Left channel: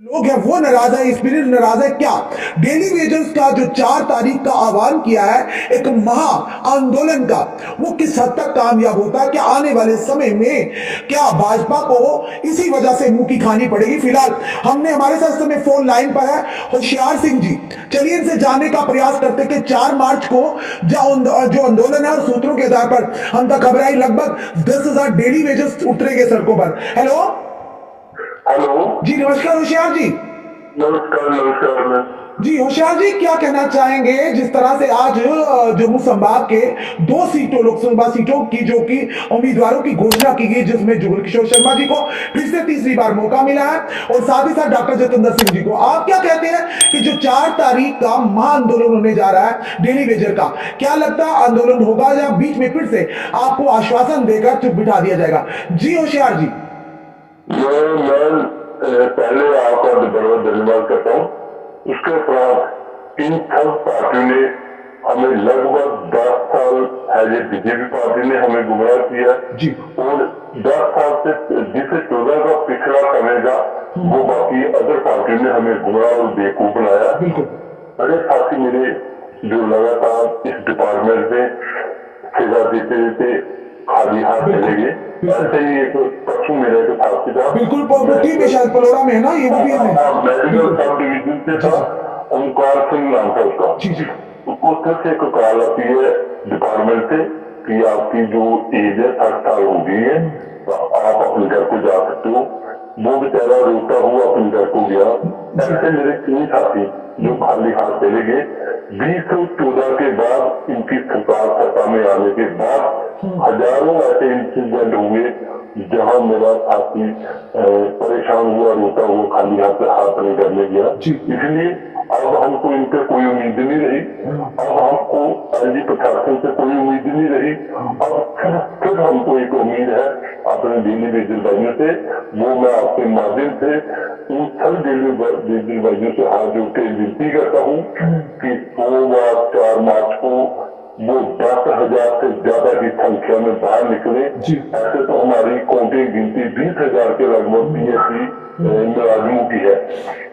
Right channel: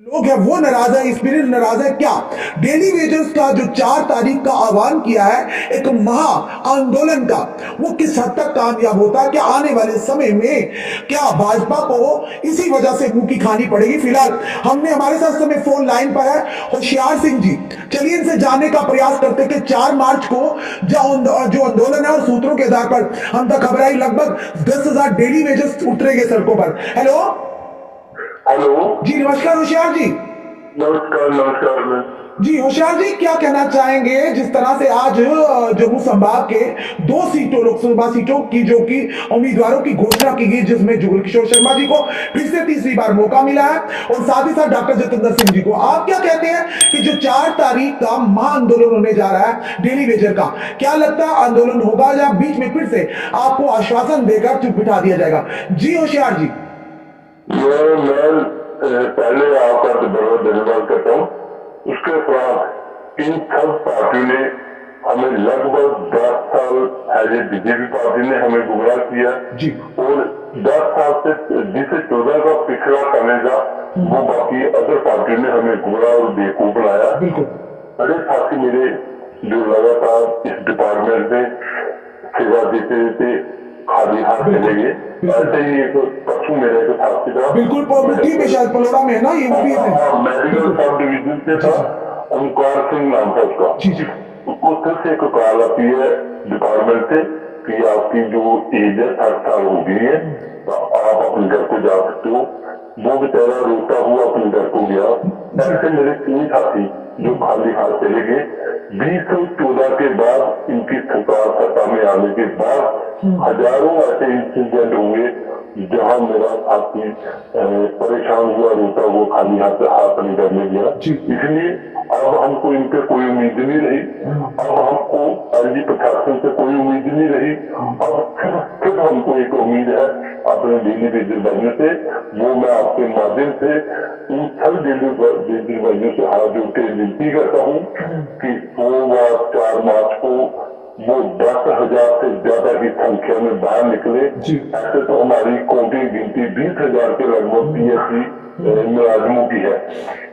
लोग है वो नाराज है, स्पिरिट नाराज है क्या? डेली वेजेस का जो 4 तारीख का आह्वान किया है एक महा आंदोलन का, वो किस हद तक कामयाब होता है? क्या आने वाले समय में क्या भाजपा को इसी वजह से मुंह की खानी पड़ेगी? फिलहाल हमने हमारे साथ समय फोन लाइन पर है होशियार सिंह जी। चलिए इनसे जानने का प्रयास करते कि 4 मार्च को जो आंदोलन है और सूत्रों के आधार पर हम तक खबर आई लगभग 10,000 डेली वेजेस उतरेंगे सड़कों पर। हेलो हेलो जी, नमस्कार होशियार जी। नमस्कार नमस्कार जी होशियार जी, क्या कहना चाहेंगे जिस तरह से आज जम्मू संभाग के 2 सीटों लोकसभा सीटों की जो कि उम्मीदवारों की घोषणा की गई, जिसमें जुगल किशोर शर्मा जी को फिर से तीसरी बार मौका मिला है और साथ ही साथ डॉक्टर जतिंदर सिंह जी को। आप क्या कहते हैं कि जो 4 तारीख का महाआंदोलन होने जा रहा है डेली वेजर का, क्या लगता है आंदोलन होगा या बीच में फिर से आपको आश्वासन देकर चुप बिठा दिया जाएगा? जी होशियार जी। मैं पहले आपका बहुत धन्यवाद करता हूँ। उसके उपरांत इन सब पार्टियों ने हमें लगभग 10 साल है, बीजेपी पार्टी ने हमें गुमराह किया जी। और 10 साल से जिसे 14 का पिछला समय था वो बाकी अदर पार्टियों ने हमें गुमराह और बेवकूफ बनाया। बिल्कुल। बड़े साथी मेरे जो लगातार इस डिपार्टमेंट में सेवा देते देते खाली हाथ चले गए। ऐसे ही एक परसों मेरा एक साथी था, बिल्कुल मुट्ठी में शायद पलोड़ा में है ना, ये वो भी है मेडिकल सब डिवीजन से था, ओमकार सिंह नाम था उसका। जी जी। उसको से एक कॉल आती है डिपार्टमेंट से कि आपकी जो एज है 60 साल हो गई है तो आप अपने घर को जा सकते हो। वो बेचारा रोता हुआ अपने घर को गया। ऐसे मेरे 3 साथी जो खाली हाथ चले गए। 2014 के बाद इनकी सरकार सत्ता में आने के बाद हजारों ऐसे इंसिडेंट हुए जहां मेरा साथी परेशान हुआ, रोता हुआ खाली हाथ अपने घर में गया। इसलिए अब हमको इनसे कोई उम्मीद नहीं रही। अब हमको एलजी प्रशासन से कोई उम्मीद नहीं रही। अब सिर्फ हमको एक उम्मीद है अपने डेली वेजर भाइयों से। वो मैं आपके माध्यम से इन सभी डेली वेजर भाइयों से हाथ जोड़ के विनती करता हूँ कि सोमवार 4 मार्च को वो 10,000 से ज्यादा की संख्या में बाहर निकले। ऐसे तो हमारी काउंटिंग गिनती 20,000 के लगभग पीएससी मुलाजिमों की है।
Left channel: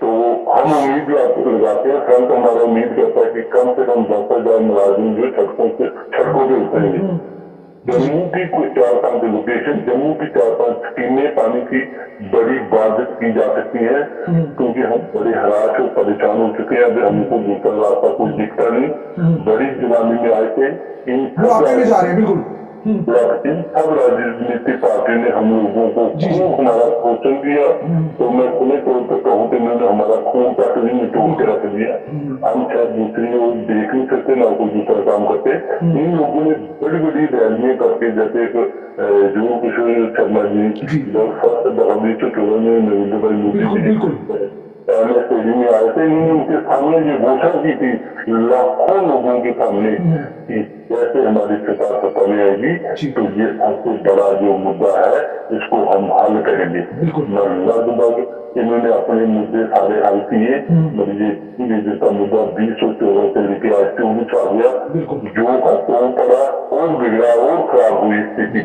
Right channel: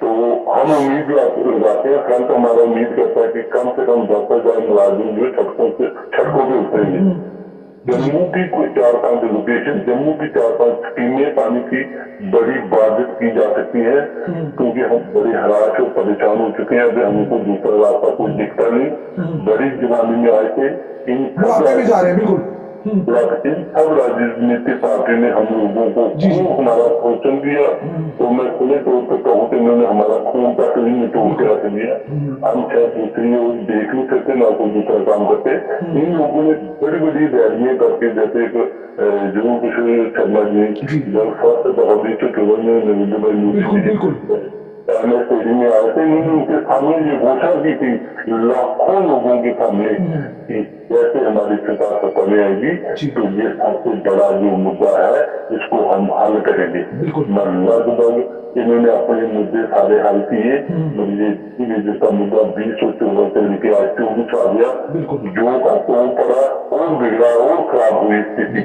तो हम उम्मीद लगाते हैं, फ्रंट हमारा उम्मीद करता है कि कम से कम 10,000 मुलाजिम जो सड़कों पे उतरेंगे। जम्मू की कोई 4-5 लोकेशन, जम्मू की 4-5 स्कीमें पानी की बड़ी बाधित की जा सकती है क्योंकि हम बड़े हराश और परेशान हो चुके हैं। अभी हमको दूसरा रास्ता कोई दिखता नहीं। बड़ी जुलानी में आए थे इन में जा रहे हैं। बिल्कुल। इन सब राजनीतिक पार्टी ने हम लोगों को खूब हमारा शोषण किया। तो मैं खुले तौर पर कहूँ तो इन्होंने हमारा खून तक भी निचोड़ के रख दिया। हम शायद दूसरी ओर देख नहीं सकते ना कोई दूसरा काम करते। इन लोगों ने बड़ी बड़ी रैलियां करके, जैसे जो किशोर शर्मा जी जब फर्स्ट दफा 2014 में नरेंद्र भाई मोदी जी में आए थे, इन्होंने उनके सामने ये घोषणा की थी लाखों लोगों के सामने कि जैसे हमारी सरकार सत्ता में आएगी तो ये सबसे बड़ा जो मुद्दा है इसको हम हल करेंगे। लगभग इन्होंने अपने मुद्दे सारे हल किए। मतलब का मुद्दा 2014 से लेकर आज 24 आ गया। जो का तो पड़ा और बिगड़ा और खराब हुई स्थिति।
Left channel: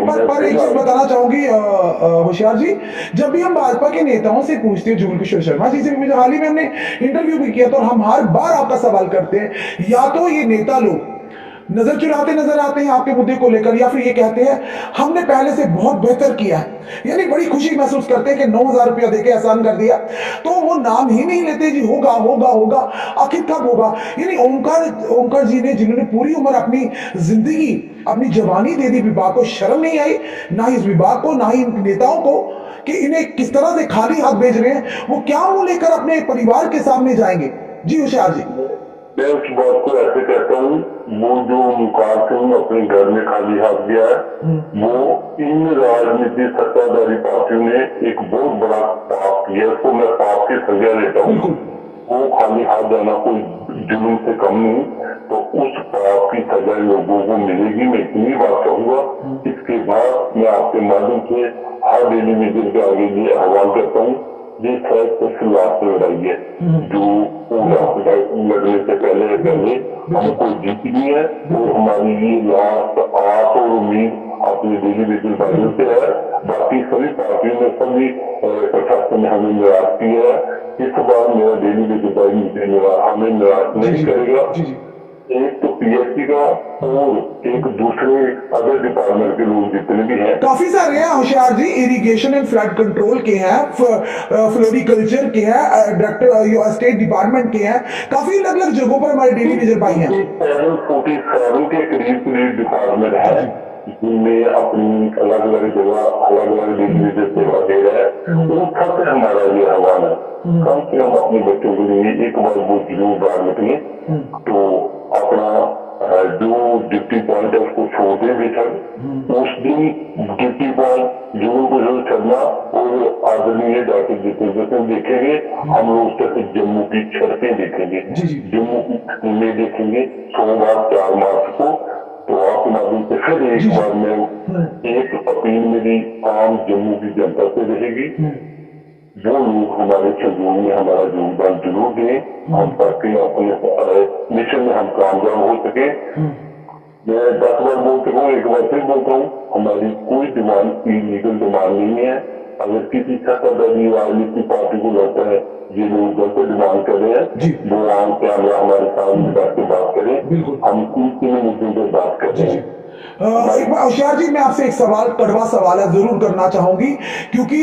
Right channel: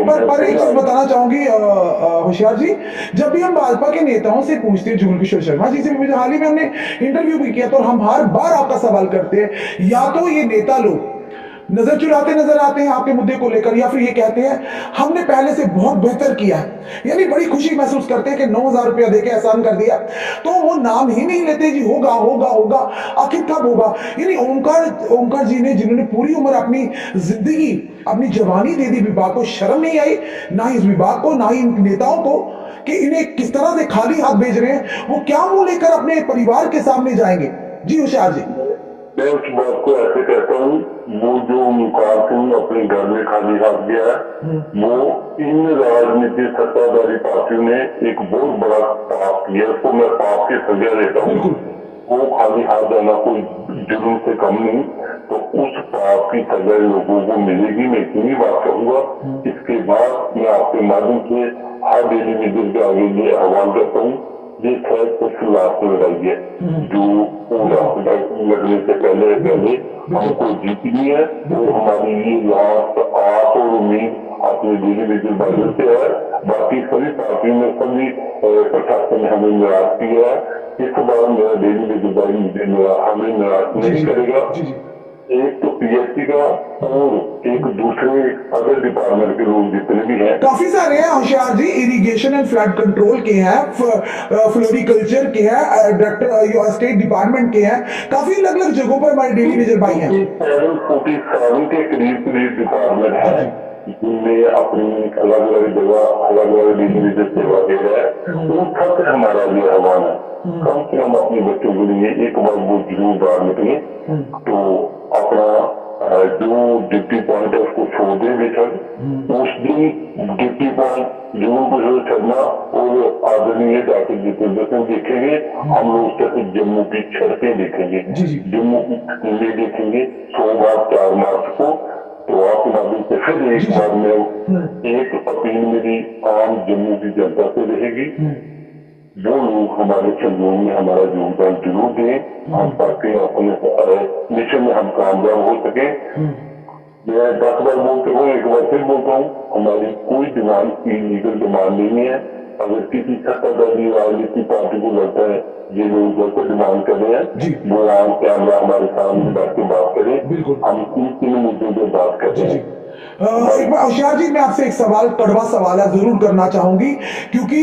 पर एक चीज बताना चाहूंगी होशियार जी, जब भी हम भाजपा के नेताओं से पूछते हैं, जुगल किशोर शर्मा जी से भी हाल ही में हमने इंटरव्यू भी किया, तो हम हर बार आपका सवाल करते हैं, या तो ये नेता लोग नजर चुराते नजर आते हैं आपके मुद्दे को लेकर, या फिर ये कहते हैं हमने पहले से बहुत बेहतर किया है, यानी बड़ी खुशी महसूस करते हैं कि 9,000 रुपया देके एहसान कर दिया, तो वो नाम ही नहीं लेते जी होगा होगा होगा। आखिर कब होगा? यानी ओमकार जी ने, जिन्होंने पूरी उम्र अपनी जिंदगी अपनी जवानी दे दी विभाग को, शर्म नहीं आई ना ही इस विभाग को ना ही नेताओं को कि इन्हें किस तरह से खाली हाथ भेज रहे हैं। वो क्या मुंह लेकर अपने परिवार के सामने जाएंगे? जी होशियार जी। मैं उस बात को ऐसे कहता हूँ, वो जो ओमकार सिंह अपने घर में खाली हाथ गया है वो इन राजनीतिक सत्ताधारी पार्टियों ने एक बहुत बड़ा पाप किया। उसको मैं पाप की सजा देता हूँ। वो खाली हाथ जाना कोई जुल्म से कम नहीं। तो उस पाप की सजा लोगों को मिलेगी। मैं इतनी बात कहूंगा। इसके बाद मैं आपके माध्यम से हर डेली वेजर के आगे ये आह्वान करता हूँ, ये शायद सबसे लास्ट लड़ाई है जो लगने से पहले हमको जीतनी है। और हमारी ये लास्ट आस और उम्मीद अपने डेली बेसिस भाइयों से है। बाकी सभी पार्टियों में, सभी प्रशासन ने हमें निराश किया है। इस बार मेरा डेली बेसिस भाई हमें निराश नहीं करेगा। जी जी एक तो पीएचसी का और एक दूसरे अदर डिपार्टमेंट के लोग जितने भी हैं, काफी सारे हैं होशियार जी। इरिगेशन एंड फ्लड कंट्रोल के हैं, फ्लोरिकल्चर के हैं, डायरेक्टर स्टेट डिपार्टमेंट के हैं, काफी अलग अलग जगहों पर हमारे डेली वेजर भाई हैं। 47 के करीब डिपार्टमेंट है जिनमें अपनी अलग अलग जगह अलग अलग डेली बेसिस सेवा दे रहा है। उन सबसे हमारा ये आह्वान है, कम से कम अपने बच्चों के लिए एक बार वो जरूर बाहर निकले तो अपना जो ड्यूटी पॉइंट है उसको छोड़ दें बेशक। उस दिन ड्यूटी पॉइंट जो उनको जो छोड़ना और आदरणीय डॉक्टर जितेंद्र सिंह देखेंगे, हम लोग उससे जम्मू की सड़कें देखेंगे, जम्मू की स्कूलें देखेंगे सोमवार 4 मार्च को। तो आपके माध्यम से फिर एक बार में एक अपील मेरी आम जम्मू की जनता से रहेगी, वो लोग हमारे सहयोग में हमारा योगदान जरूर दें, हम ताकि अपने मिशन में हम कामयाब हो सके। मैं 10 बार बोल चुका हूँ, एक बार फिर बोलता हूँ, हमारी कोई डिमांड इलीगल डिमांड नहीं है। अगर किसी सत्ताधारी राजनीतिक पार्टी को लगता है ये लोग गलत डिमांड कर रहे हैं, वो आम कैमरा हमारे सामने बैठ के बात करें, हम किन मुद्दों पर बात कर रहे हैं। एक बार होशियार जी, मैं आपसे एक सवाल, कड़वा सवाल है, जरूर करना चाहूंगी, क्योंकि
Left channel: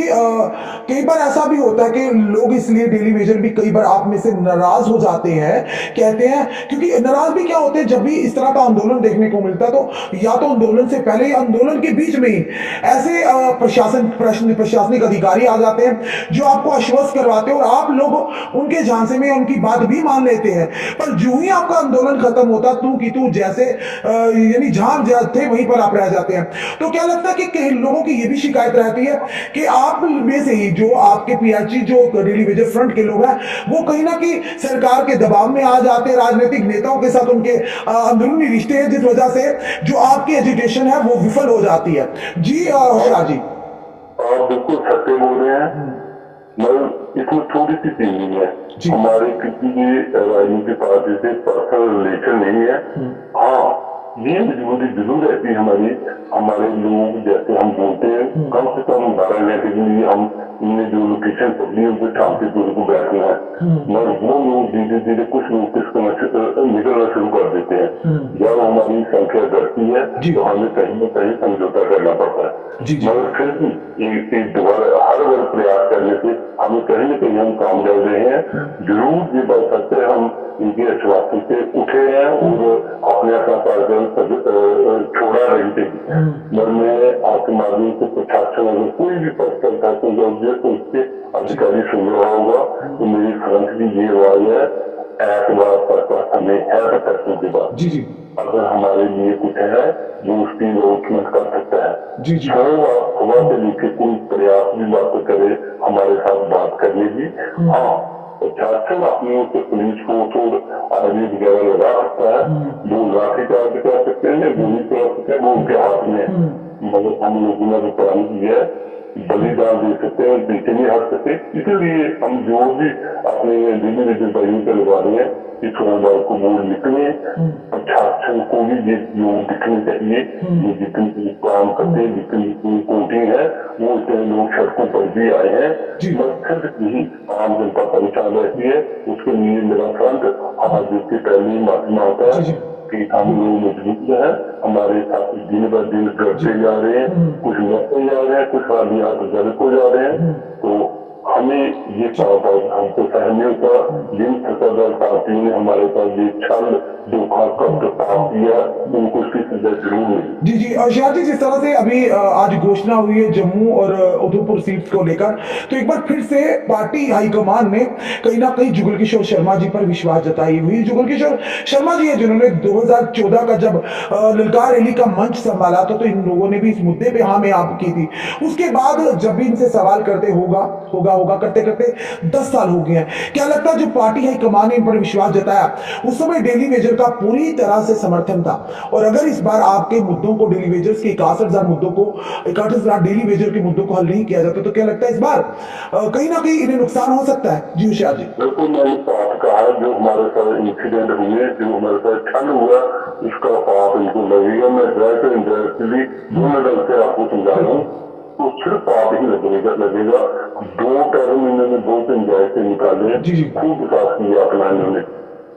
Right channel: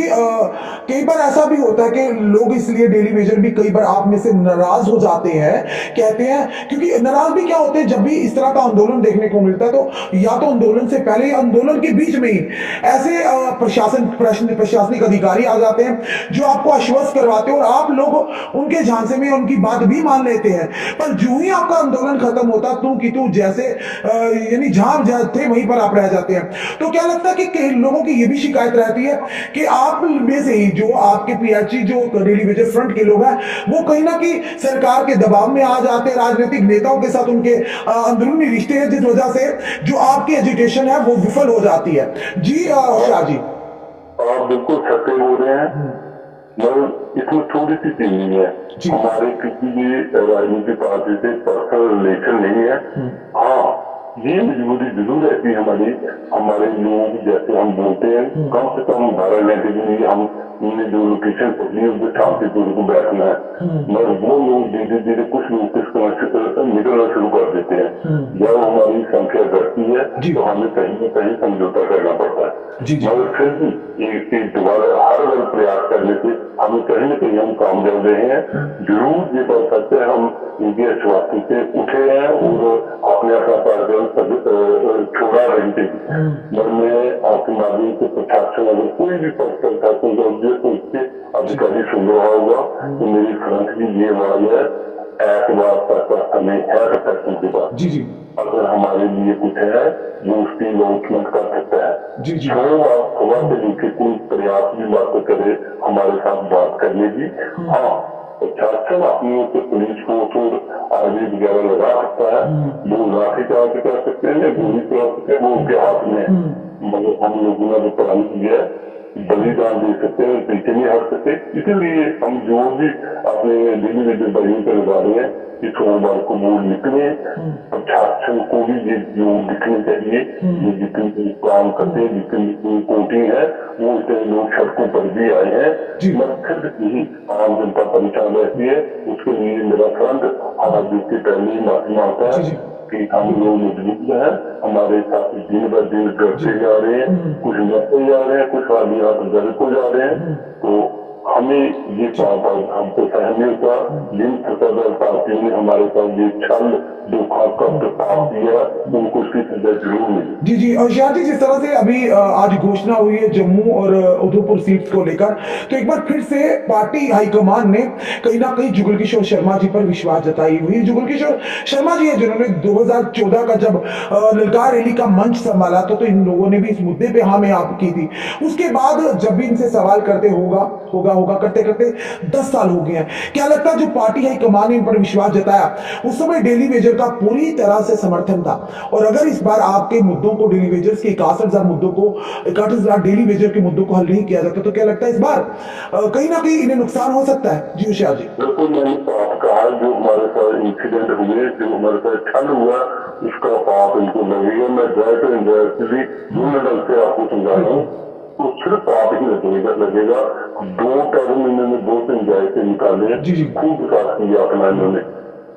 कई बार ऐसा भी होता है कि लोग इसलिए डेली वेजर भी कई बार आप में से नाराज हो जाते हैं, कहते हैं, क्योंकि नाराज भी क्या होते हैं जब भी इस तरह का आंदोलन देखने को मिलता है, तो या तो आंदोलन से पहले या आंदोलन के बीच में ही ऐसे प्रशासनिक अधिकारी आ जाते हैं जो आपको आश्वस्त करवाते हैं और आप लोग उनके झांसे में उनकी बात भी मान लेते हैं, पर जो ही आपका आंदोलन खत्म होता तू की तू जैसे यानी जहां थे वहीं पर आप रह जाते हैं। तो क्या लगता है कि कई लोगों की ये भी शिकायत रहती है कि आप में से ही जो आपके पीएचई जो डेली वेजर फ्रंट के लोग हैं वो कहीं ना कहीं सरकार के दबाव में आ जाते हैं, राजनीतिक नेताओं के साथ उनके अंदरूनी रिश्ते हैं, जिस वजह से जो आपकी एजुटेशन है वो विफल हो जाती है। जी होशियार जी, आप बिल्कुल सत्य बोल रहे हैं, मगर इसमें थोड़ी सी चीज नहीं है, हमारे किसी भी राजनीतिक पार्टी से पर्सनल रिलेशन नहीं है। हाँ, ये मजबूरी जरूर रहती है हमारे लोग जैसे हम बोलते हैं, कम से कम 12 घंटे के लिए हमने जो लोकेशन पकड़ी है उस शांतिपूर्वक को बैठना है, मगर वो लोग धीरे धीरे कुछ लोग निकलना शुरू कर देते हैं। जब हमारी संख्या घटती है तो हमें कहीं न कहीं समझौता करना पड़ता है, मगर फिर भी दोबारा हर बार प्रयास करने से हमें कहीं न कहीं हम कामयाब रहे हैं। जरूर ये बात सच है, हम इनके आश्वासन से उठे हैं और अपने अपना कार्यक्रम छोड़ा रही थी, मगर मैं आपके माध्यम से प्रशासन अगर कोई भी पद करता तो उसके अधिकारी सुन रहा होगा तो मेरी फ्रंट की ये आवाज है, एतवार तक हमें है प्रशासन के बाद अगर हमारे लिए कुछ है जो उसकी लॉन्चमेंट कर सकता है, सुबह से लेकर कोई प्रयास भी बात करे हमारे साथ बात करने की। हाँ, प्रशासन अपनी ओर से पुलिस फोर्स और आर्मी वगैरह लगा सकता है, वो लाठीचार्ज कर सकते हैं, गोली चला सकते हैं, वो उनके हाथ में है, मगर हम लोगों ने जो प्रण किया है बलिदान दे सकते हैं और पीछे नहीं हट सकते। इसीलिए हम जो भी अपने डेली वेजर भाइयों पे लगा रहे हैं कि सोमवार को वोट निकले, प्रशासन को भी ये योग दिखने चाहिए, ये जितनी काम करते हैं, जितनी वोटिंग है, वो इतने लोग सड़कों पर भी आए हैं, मगर यही आम जनता परेशान रहती है। उसके लिए मेरा फ्रंट आज के पहले ही माफी मांगता है कि हम लोग मजबूत हैं, हमारे साथ दिन ब दिन घटते जा रहे हैं, कुछ मरते जा रहे हैं, कुछ आदमी घर को जा रहे हैं, तो हमें ये हमको सहन नहीं होता। जिन सत्ताधार पार्टियों ने हमारे साथ ये छल धोखा का प्रस्ताव दिया उनको उसकी सजा जरूर मिली। जी होशियार जी, जिस तरह से अभी आज घोषणा हुई है जम्मू और उधमपुर सीट्स को लेकर, तो एक बार फिर से पार्टी हाईकमान ने कहीं ना कहीं जुगल किशोर शर्मा जी पर विश्वास जताई हुई। जुगल किशोर शर्मा जी है जिन्होंने 2014 का जब ललकार रैली का मंच संभाला तो इन लोगों ने भी इस मुद्दे पे हाँ में आप की थी। उसके बाद जब भी इनसे सवाल करते होगा होगा, करते करते 10 साल हो गए हैं। क्या लगता है जो पार्टी है कमान ने इन पर विश्वास जताया, उस समय डेली वेजर का पूरी तरह से समर्थन था, और अगर इस बार आपके मुद्दों को, डेली वेजर्स के 61,000 मुद्दों को, 61,000 डेली वेजर के मुद्दों को हल नहीं किया जाता, तो क्या लगता है इस बार कहीं ना कहीं इन्हें नुकसान हो सकता है? जी होशियार जी। बिल्कुल, मैंने बात कहा, जो हमारे साथ इंसिडेंट हुए, जो हमारे साथ छल हुआ, इसका पाप इनको लगेगा। मैं डायरेक्ट इनडायरेक्टली दोनों ढंग से आपको समझा रहा हूँ, तो सिर्फ पाप ही लगेगा। 2 टर्म इन्होंने बहुत एंजॉय से निकाले, खूब विकास किया अपना इन्होंने।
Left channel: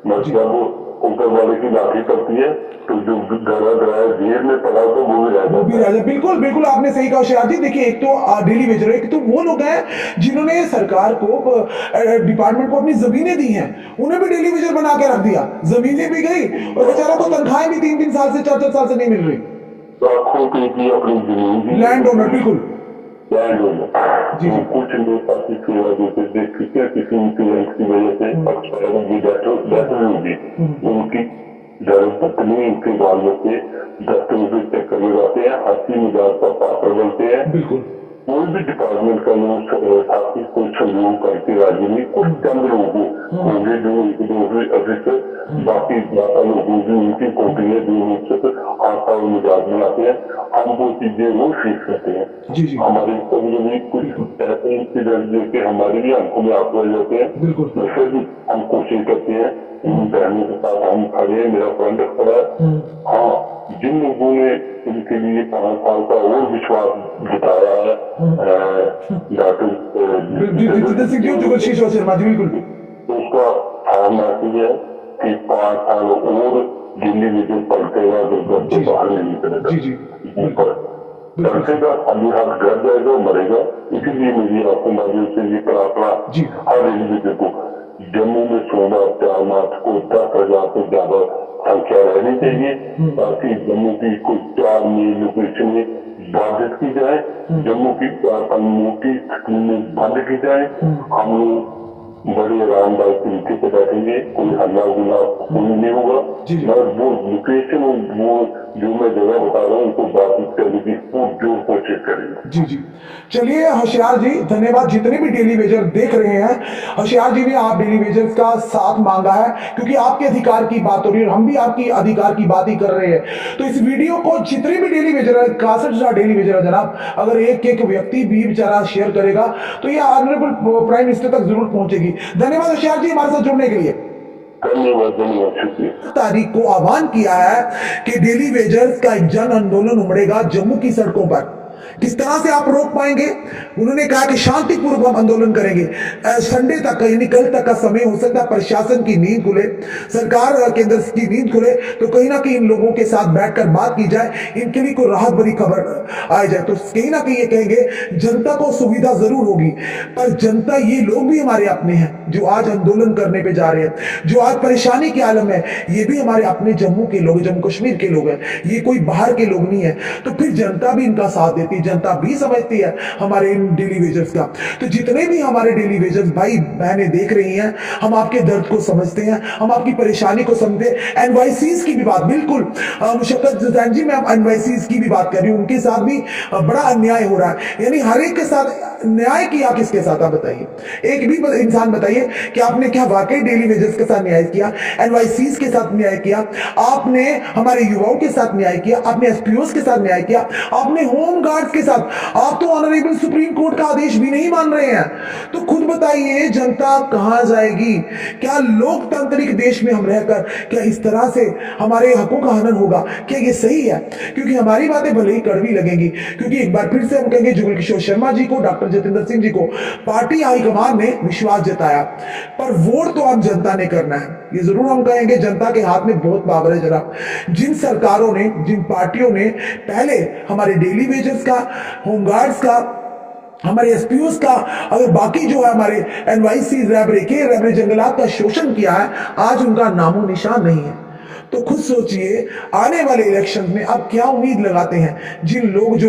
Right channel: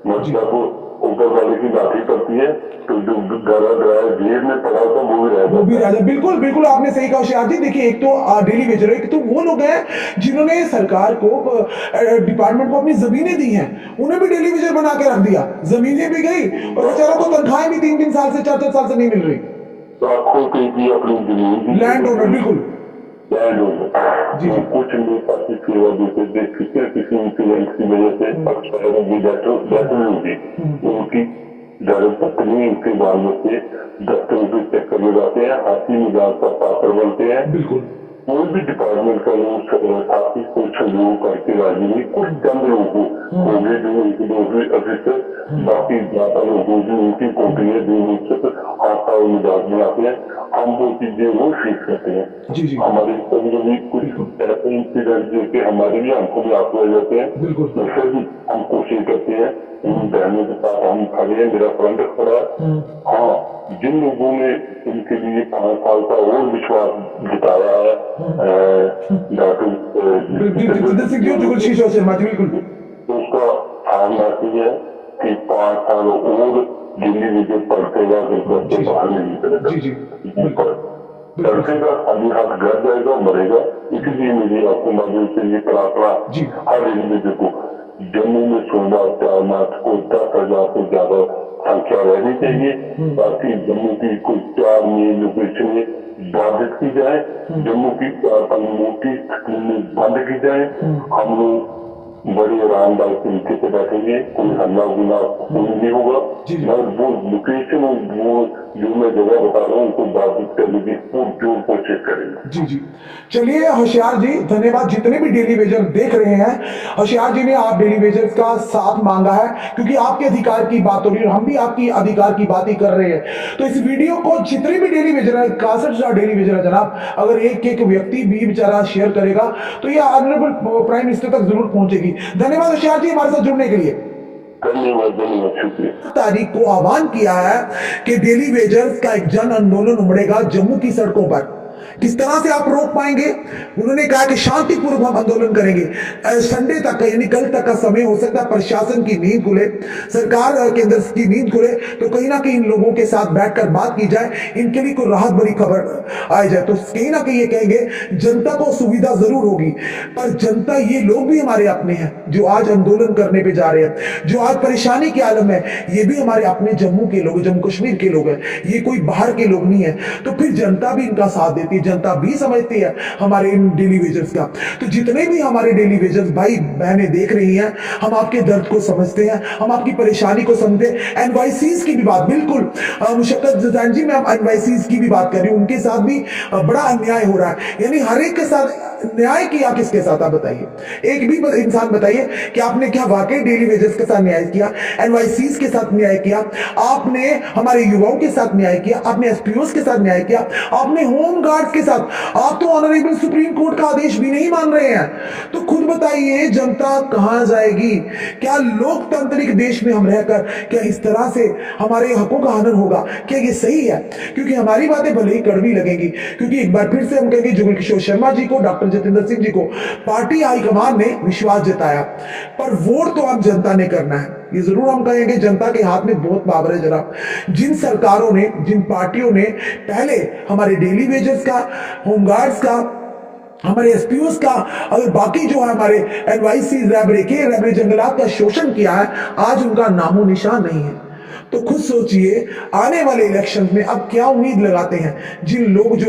मतलब ऊपर वाले की लाठी पड़ती है तो जो गला डराया जेब में पड़ा होता वो भी रह जाता। बिल्कुल बिल्कुल, आपने सही कहा होशियार जी। देखिए, एक तो डेली वेजर, एक तो वो लोग हैं जिन्होंने सरकार को, डिपार्टमेंट को अपनी जमीनें दी हैं, उन्हें भी डेली वेजर बना के रख दिया, जमीनें भी गई और बेचारा को तनख्वाहें भी 3-3 साल से 4-4 साल से नहीं मिल रही। लाखों की अपनी जमीन, लैंड ओनर, बिल्कुल लैंड ओनर जी। तो कुछ नेता की सेवा देते देखते हैं, किसी इंसिडेंट की वजह से एक्सपायर की डेथ भी होगी, उनकी धर्मपत्नी, उनके बाल बच्चे दफ्तरों पे चक्कर लगाते हैं, हंसी मजाक का पात्र बनते हैं। बिल्कुल, कोई भी डिपार्टमेंट का लोग साथी को सहयोग करके राजी नहीं। कुछ चंद लोग होंगे जो एक दो अफिसर, बाकी ज्यादा लोगों की उनकी कॉपी है जो उनसे हाथा और मजाक बनाते हैं। हम वो चीजें वो सीख सकते हैं। जी जी, हमारे कभी कभी कुछ ऐसे इंसिडेंट देखे हमारे भी आंखों में आंसू आ जाते हैं, बिल्कुल, फिर भी हम कोशिश करते हैं, इन बहनों के साथ हम खड़े हैं, मेरा फ्रंट खड़ा है। हाँ, जिन लोगों ने इनके लिए 5 साल का और विश्वास जताया है, डॉक्टर जितेंद्र सिंह जी, जुगल शर्मा जी, बिल्कुल, तो उसका साफ मैसेज है कि 5 साल और दिल्ली विजय पलटेगा, अगर घर से बाहर नहीं निकलेगा। जी जी, पलटेगा, खाली हाथ घर जाएगा, मरेगा। इसीलिए मेरी आपको माध्यम से ये प्रार्थना हर इंडिविजुअल को, जम्मू में सोमवार 4 मार्च को 10,000 से ज्यादा संख्या रहनी चाहिए, ताकि जम्मू की कोई 4 मेन लोकेशन में बाधित की जाए, जम्मू की 4-5 मोटी स्कीमें बंद की जाए। हम लोग बड़े आरामदायक तरीके से बैठेंगे, कोई हल्ला गुला कोई नहीं होगा। मैं वो लोकेशन, वो जो मैं जगह बता रहा हूँ उनको बाधित करने की जोर कोशिश करेंगे। जी जी, चलिए होशियार जी, धन्यवाद। जितने भी डेली वेजर देख रहे हैं, होशियार जी ने आप डेली वेजर्स का साथ मांगा है, क्योंकि आपके अधिकार की बात हो रही है और हम भी आपकी अधिकार की बात ही कर रहे हैं। तो इस वीडियो को जितने भी डेली वेजर है, 61,000 डेली वेजर है जनाब, अगर एक एक व्यक्ति भी बेचारा शेयर करेगा तो ये ऑनरेबल प्राइम मिनिस्टर तक जरूर पहुंचेगी। धन्यवाद होशियार जी हमारे साथ जुड़ने के लिए। धन्यवाद, शुक्रिया। तारीख को आह्वान किया है कि डेली वेजर्स का एक जन आंदोलन उमड़ेगा जम्मू की सड़कों पर। किस तरह से आप रोक पाएंगे? उन्होंने कहा कि शांतिपूर्वक हम आंदोलन करेंगे। संडे तक का, यानी कल तक का समय हो सकता है प्रशासन की नींद खुले, सरकार केंद्र की नींद खुले, तो कहीं ना कहीं इन लोगों के साथ बैठकर बात की जाए, इनके लिए कोई राहत भरी खबर आ जाए। तो कहीं ना कहीं ये कहेंगे जनता को सुविधा जरूर होगी, पर जनता, ये लोग भी हमारे अपने हैं जो आज आंदोलन करने पे जा रहे हैं, जो आज परेशानी के आलम है, ये भी हमारे अपने जम्मू के लोग, जम्मू कश्मीर के लोग हैं, ये कोई बाहर के लोग नहीं है। तो फिर जनता भी इनका साथ देती है, जनता भी समझती है हमारे इन डेली वेजर्स का। तो जितने भी हमारे डेली वेजर्स भाई बहनें देख रही हैं, हम आपके दर्द को समझते हैं, हम आपकी परेशानी को समझते हैं। एनवाईसीज की भी बात, बिल्कुल मुशक्कत जैन जी, मैं एनवाईसीज की भी बात कर रही हूं, उनके साथ भी बड़ा अन्याय हो रहा है। यानी हर एक के साथ न्याय किया, किसके साथ आप बताइए? एक भी इंसान बताइए कि आपने क्या वाकई डेली वेजर्स के साथ न्याय किया, एनवाईसीज के साथ न्याय किया, आपने हमारे युवाओं के साथ न्याय किया, आपने एसपीओस के साथ न्याय किया, आपने होम गार्ड्स के साथ। आप तो ऑनरेबल सुप्रीम कोर्ट का आदेश भी नहीं मान रहे हैं। तो खुद बताइए जनता कहां जाएगी? क्या लोकतांत्रिक देश में हम रहकर क्या इस तरह से हमारे हकों का हनन होगा? क्या ये सही है? क्योंकि हमारी बातें भले ही कड़वी लगेंगी, क्योंकि एक बार फिर से हम कहेंगे जुगल किशोर शर्मा जी को, डॉक्टर जितेंद्र सिंह जी को पार्टी हाईकमान ने विश्वास जताया, पर वोट तो अब जनता ने करना है। ये जरूर हम कहेंगे जनता के हाथ में बहुत पावर है जनाब। जिन सरकारों ने, जिन पार्टियों ने पहले हमारे डेली वेजर्स का, होमगार्ड्स का, हमारे एसपीओस का, अगर बाकी जो है हमारे एनवाईसी, रैबरे जंगलात का शोषण किया है, आज उनका नामो निशान नहीं है। तो खुद सोचिए आने वाले इलेक्शन में अब क्या उम्मीद लगाते हैं जिन लोग जो